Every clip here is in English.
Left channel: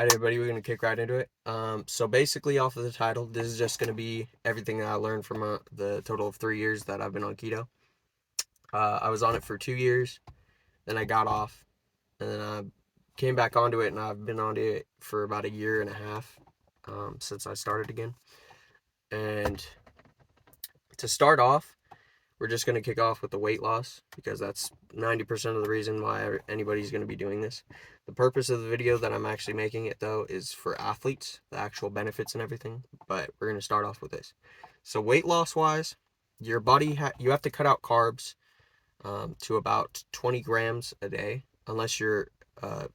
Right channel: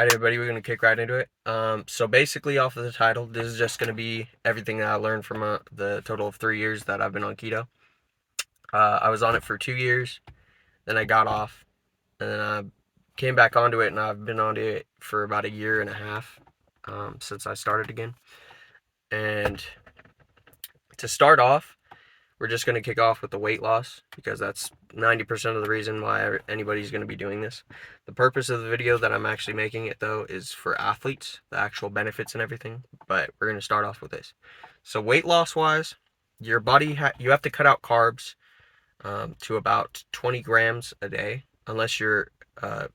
Alright, everybody, we're gonna kick right into it. So basically, off of the title, this is just gonna be everything that I learned from the total of 3 years that I've been on keto. I was on it for 2 years, then I got off, and then I came back onto it, and I've been on it for about a year and a half since I started again. And to start off, we're just going to kick off with the weight loss because that's 90% of the reason why anybody's going to be doing this. The purpose of the video that I'm actually making it though is for athletes, the actual benefits and everything, but we're going to start off with this. So weight loss wise, your body you have to cut out carbs to about 20 grams a day. Unless you're uh,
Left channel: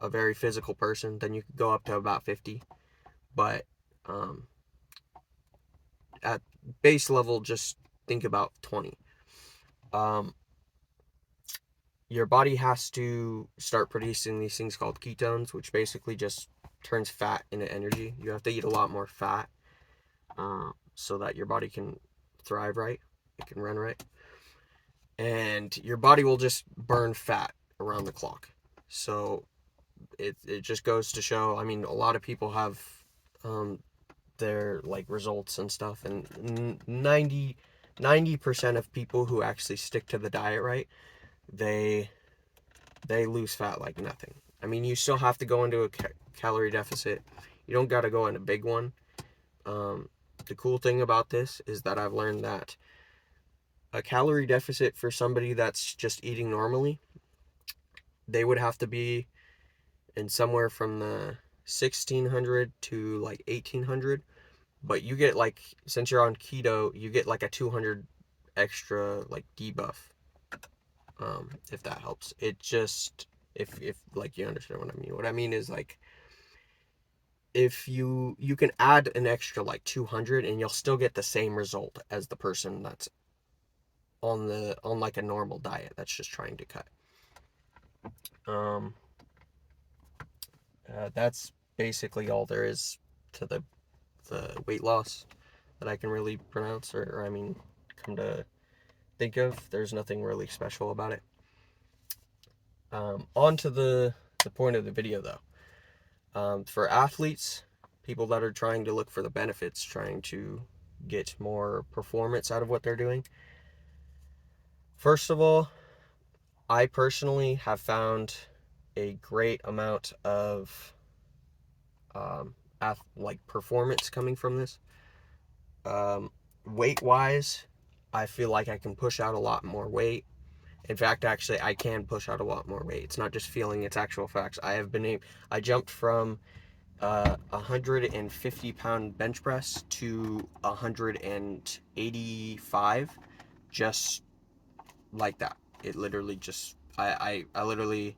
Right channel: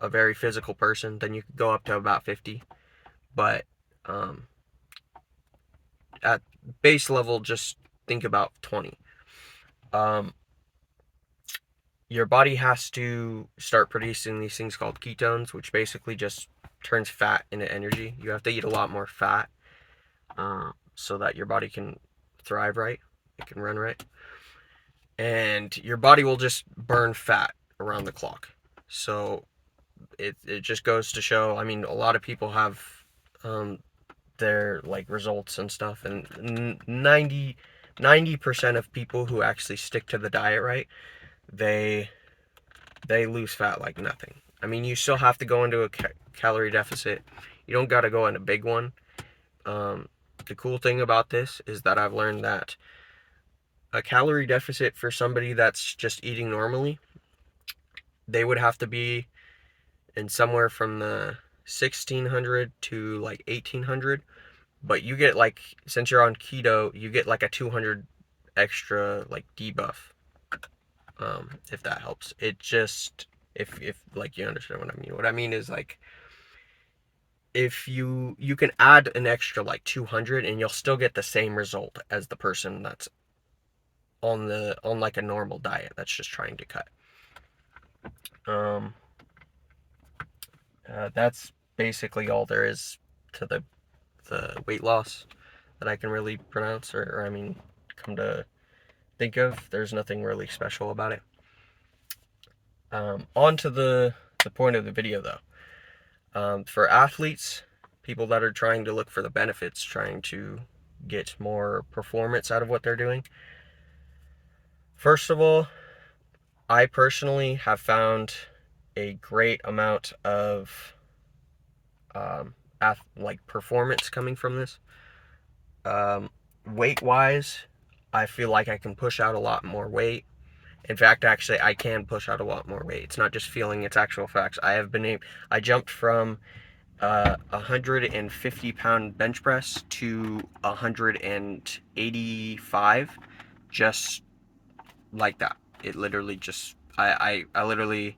a very physical person, then you could go up to about 50, but um, at base level, just think about 20. um, your body has to start producing these things called ketones, which basically just turns fat into energy. You have to eat a lot more fat so that your body can thrive right, it can run right, and your body will just burn fat around the clock. So it just goes to show. I mean, a lot of people have um, their like results and stuff, and 90% of people who actually stick to the diet right, they they lose fat like nothing. I mean, you still have to go into a calorie deficit. You don't got to go in a big one. Um, the cool thing about this is that I've learned that a calorie deficit for somebody that's just eating normally, they would have to be in somewhere from the 1600 to like 1800. But you get like, since you're on keto, you get like a 200 extra like debuff. If that helps. It just, if like you understand what I mean. What I mean is like, if you can add an extra like 200 and you'll still get the same result as the person that's on like a normal diet that's just trying to cut. um that's basically all there is to the weight loss that I can really pronounce, or I mean, come to think of. There's nothing really special about it. On to the point of the video though. For athletes, people that are trying to look for the benefits, trying to get more performance out of what they're doing. First of all, I personally have found a great amount of like performance coming from this. Weight wise, I feel like I can push out a lot more weight. In fact, actually, I can push out a lot more weight. It's not just feeling; it's actual facts. I jumped from 150-pound bench press to 185, just like that. It literally just I literally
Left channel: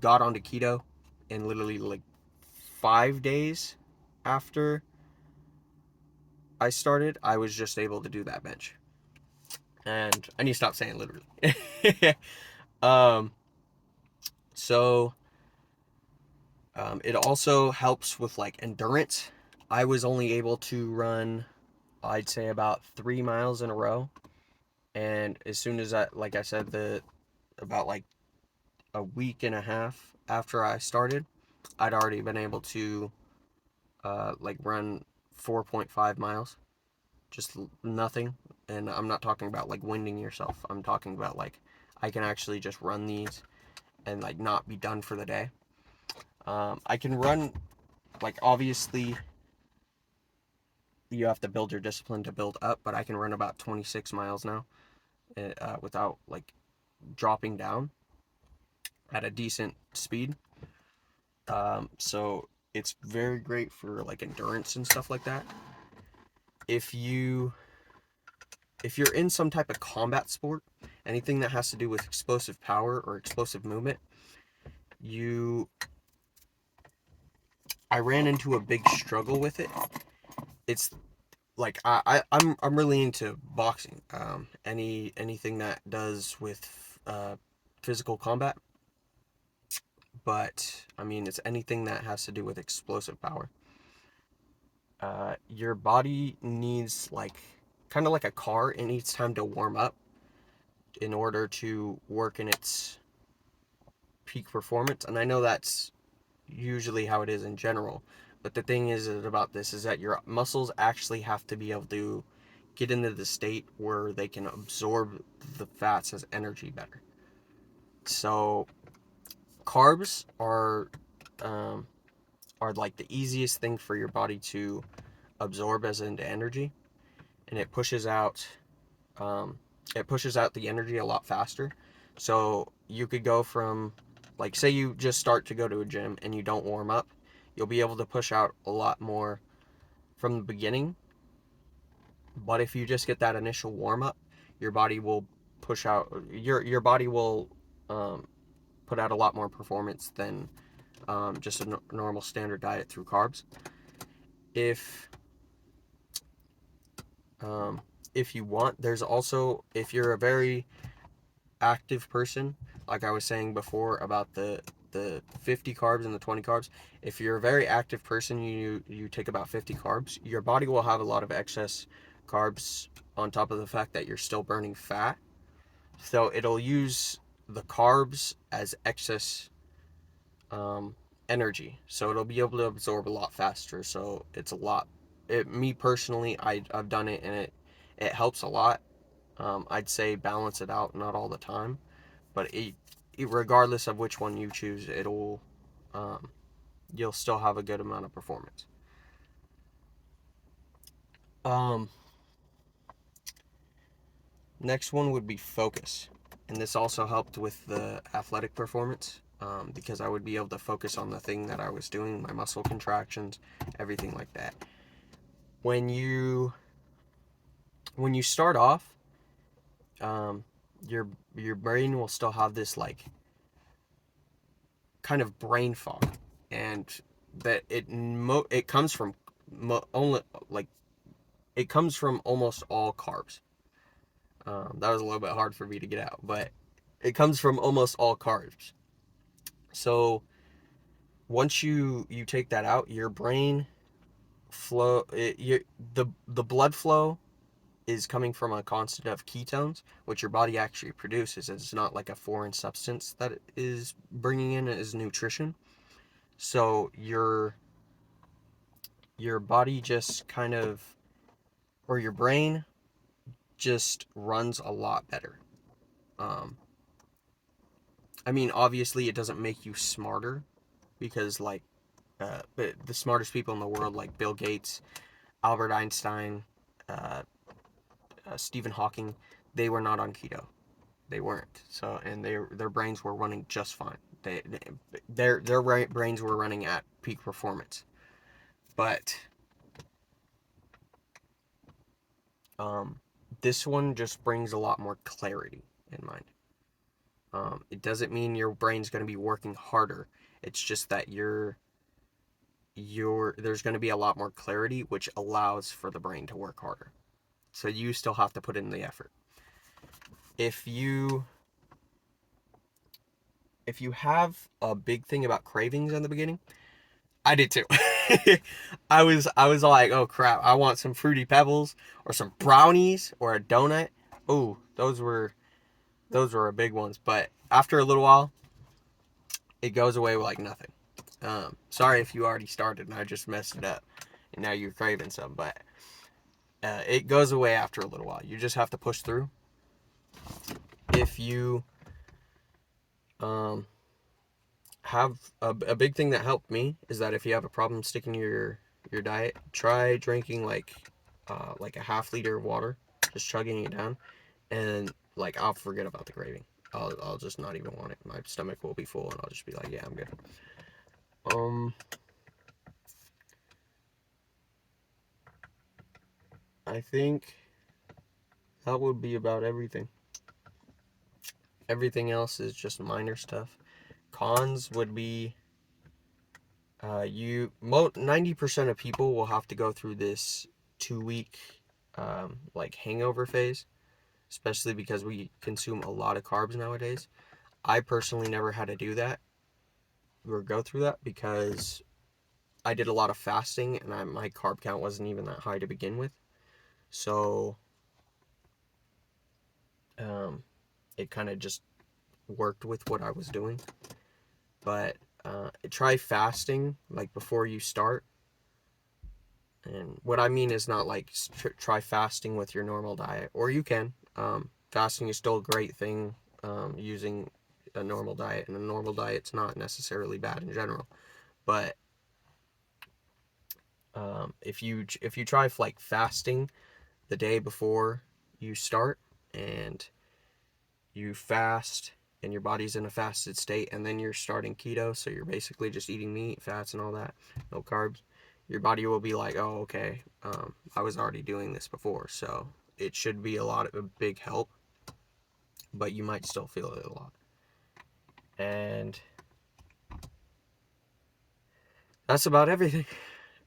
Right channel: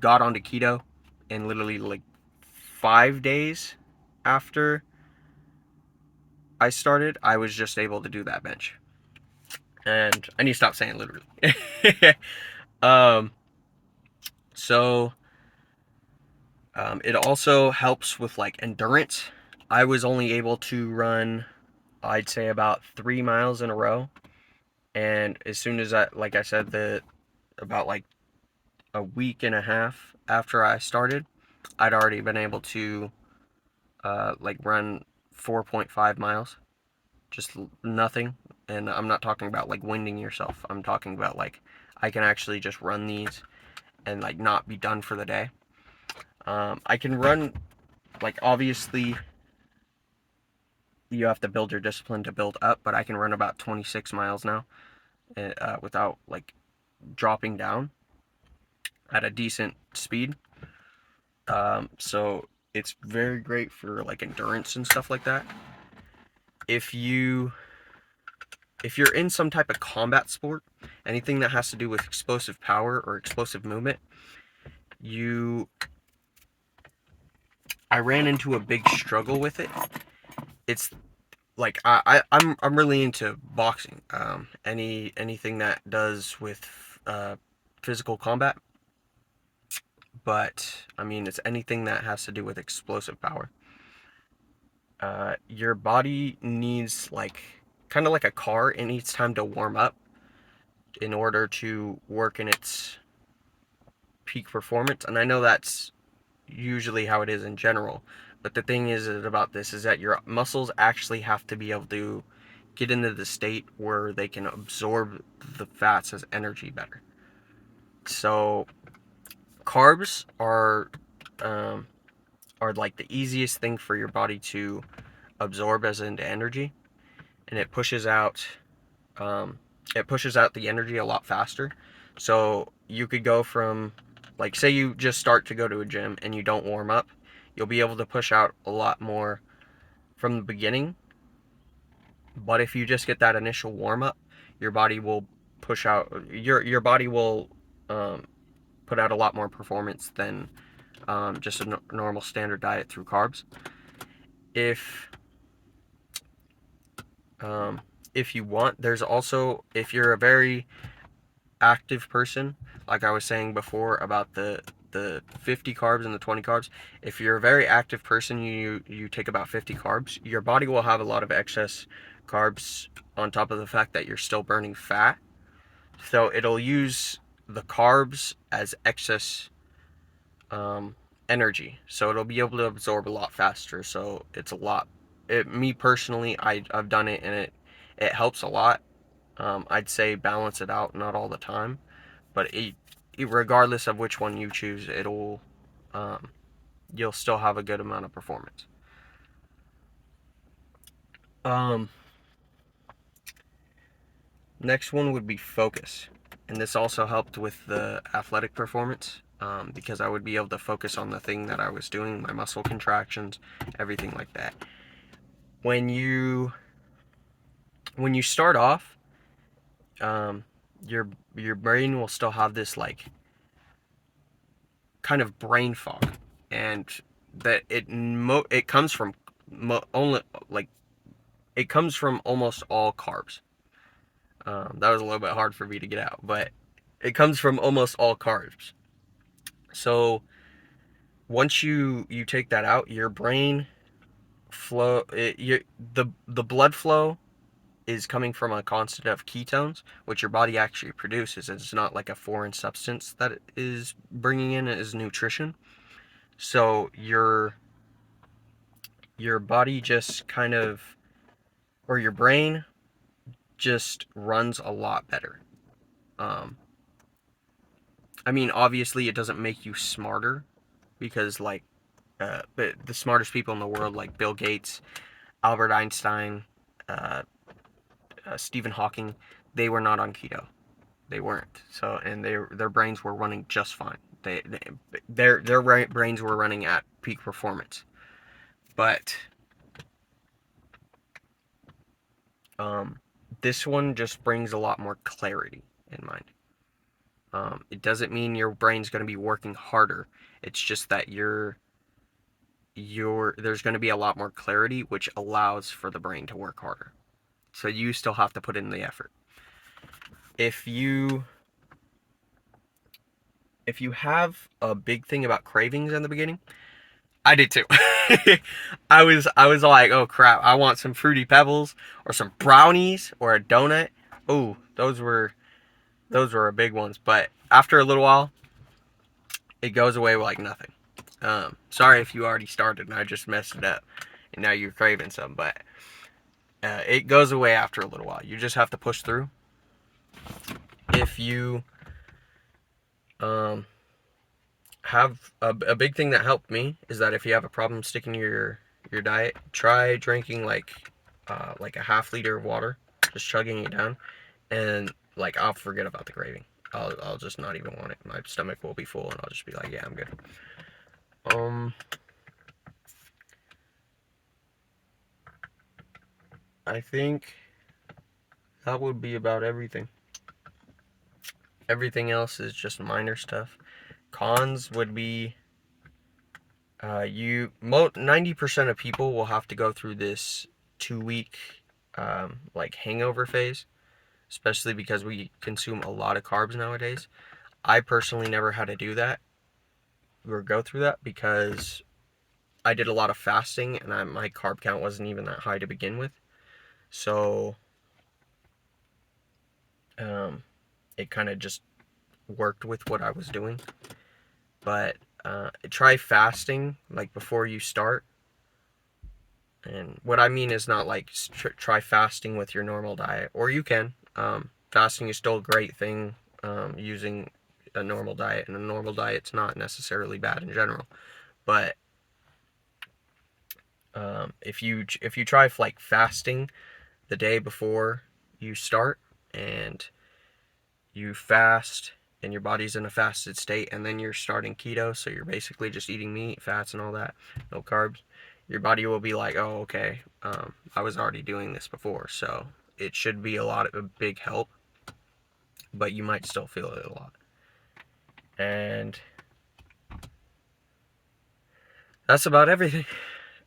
got onto keto, and literally like 5 days after I started, I was just able to do that bench. And I need to stop saying literally. um, so it also helps with like endurance. I was only able to run, I'd say, about 3 miles in a row. And as soon as like I said, about like a week and a half after I started, I'd already been able to like run 4.5 miles, just nothing. And I'm not talking about like winding yourself. I'm talking about like I can actually just run these and like not be done for the day. I can run, like, obviously you have to build your discipline to build up, but I can run about 26 miles now without like dropping down at a decent speed. So it's very great for like endurance and stuff like that. If you if you're in some type of combat sport, anything that has to do with explosive power or explosive movement, you I ran into a big struggle with it. It's like I'm really into boxing. Anything that does with physical combat, but I mean, it's anything that has to do with explosive power. Your body needs, like, kind of like a car, it needs time to warm up in order to work in its peak performance. And I know that's usually how it is in general. But the thing is about this is that your muscles actually have to be able to get into the state where they can absorb the fats as energy better. So carbs um, are like the easiest thing for your body to absorb as into energy, and um, it pushes out the energy a lot faster. So you could go from, like, say you just start to go to a gym and you don't warm up, you'll be able to push out a lot more from the beginning. But if you just get that initial warm up, your body will your body will um, put out a lot more performance than just a normal standard diet through carbs. If um, if you want, there's also, if you're a very active person, like I was saying before about the 50 carbs and the 20 carbs, if you're a very active person, you take about 50 carbs, your body will have a lot of excess carbs on top of the fact that you're still burning fat. So it'll use the carbs as excess energy. So it'll be able to absorb a lot faster. So it's a lot. Me personally, I've done it, and it helps a lot. I'd say balance it out, not all the time, but regardless of which one you choose, um, you'll still have a good amount of performance. Um, Next one would be focus, and this also helped with the athletic performance, because I would be able to focus on the thing that I was doing, my muscle contractions, everything like that. When you when you start off, um, your your brain will still have this like kind of brain fog, and that it comes from only like it comes from almost all carbs. That was a little bit hard for me to get out, but it comes from almost all carbs. So once you take that out, your brain flow the blood flow is coming from a constant of ketones, which your body actually produces. It's not like a foreign substance that it is bringing in as nutrition. So your body just kind of, or your brain just runs a lot better. Um, I mean, obviously, it doesn't make you smarter, because like but the smartest people in the world, like Bill Gates, Albert Einstein, uh, Stephen Hawking, they were not on keto. They weren't. So, and their brains were running just fine. Their brains were running at peak performance. But um, this one just brings a lot more clarity in mind. It doesn't mean your brain's going to be working harder. It's just that there's going to be a lot more clarity, which allows for the brain to work harder. So you still have to put in the effort. If you if you have a big thing about cravings in the beginning, I did too. I was like, oh crap, I want some fruity pebbles or some brownies or a donut. Oh, those were a big ones. But after a little while, it goes away like nothing. Sorry if you already started and I just messed it up, and now you're craving some. But it goes away after a little while. You just have to push through. If you um, have a big thing that helped me is that if you have a problem sticking to your diet, try drinking like a half liter of water, just chugging it down, and like I'll forget about the craving. I'll just not even want it. My stomach will be full, and I'll just be like, yeah, I'm good. Um, I think that would be about everything. Everything else is just minor stuff. Cons would be 90% of people will have to go through this 2 week like hangover phase, especially because we consume a lot of carbs nowadays. I personally never had to do that or go through that because I did a lot of fasting, and my carb count wasn't even that high to begin with. So um, it kind of just worked with what I was doing. But try fasting like before you start. And what I mean is not like try fasting with your normal diet, or you can. Fasting is still a great thing, using a normal diet, and a normal diet's not necessarily bad in general. But if you try like fasting the day before you start, and you fast and your body's in a fasted state, and then you're starting keto, so you're basically just eating meat, fats, and all that, no carbs, your body will be like, oh, okay, I was already doing this before, so it should be a big help, but you might still feel it a lot. And that's about everything.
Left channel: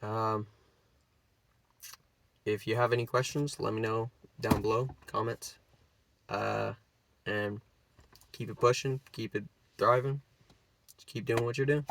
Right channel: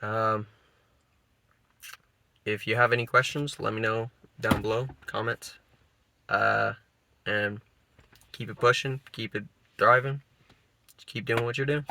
Um, if you have any questions, let me know down below, comments, and keep it pushing, keep it thriving, just keep doing what you're doing.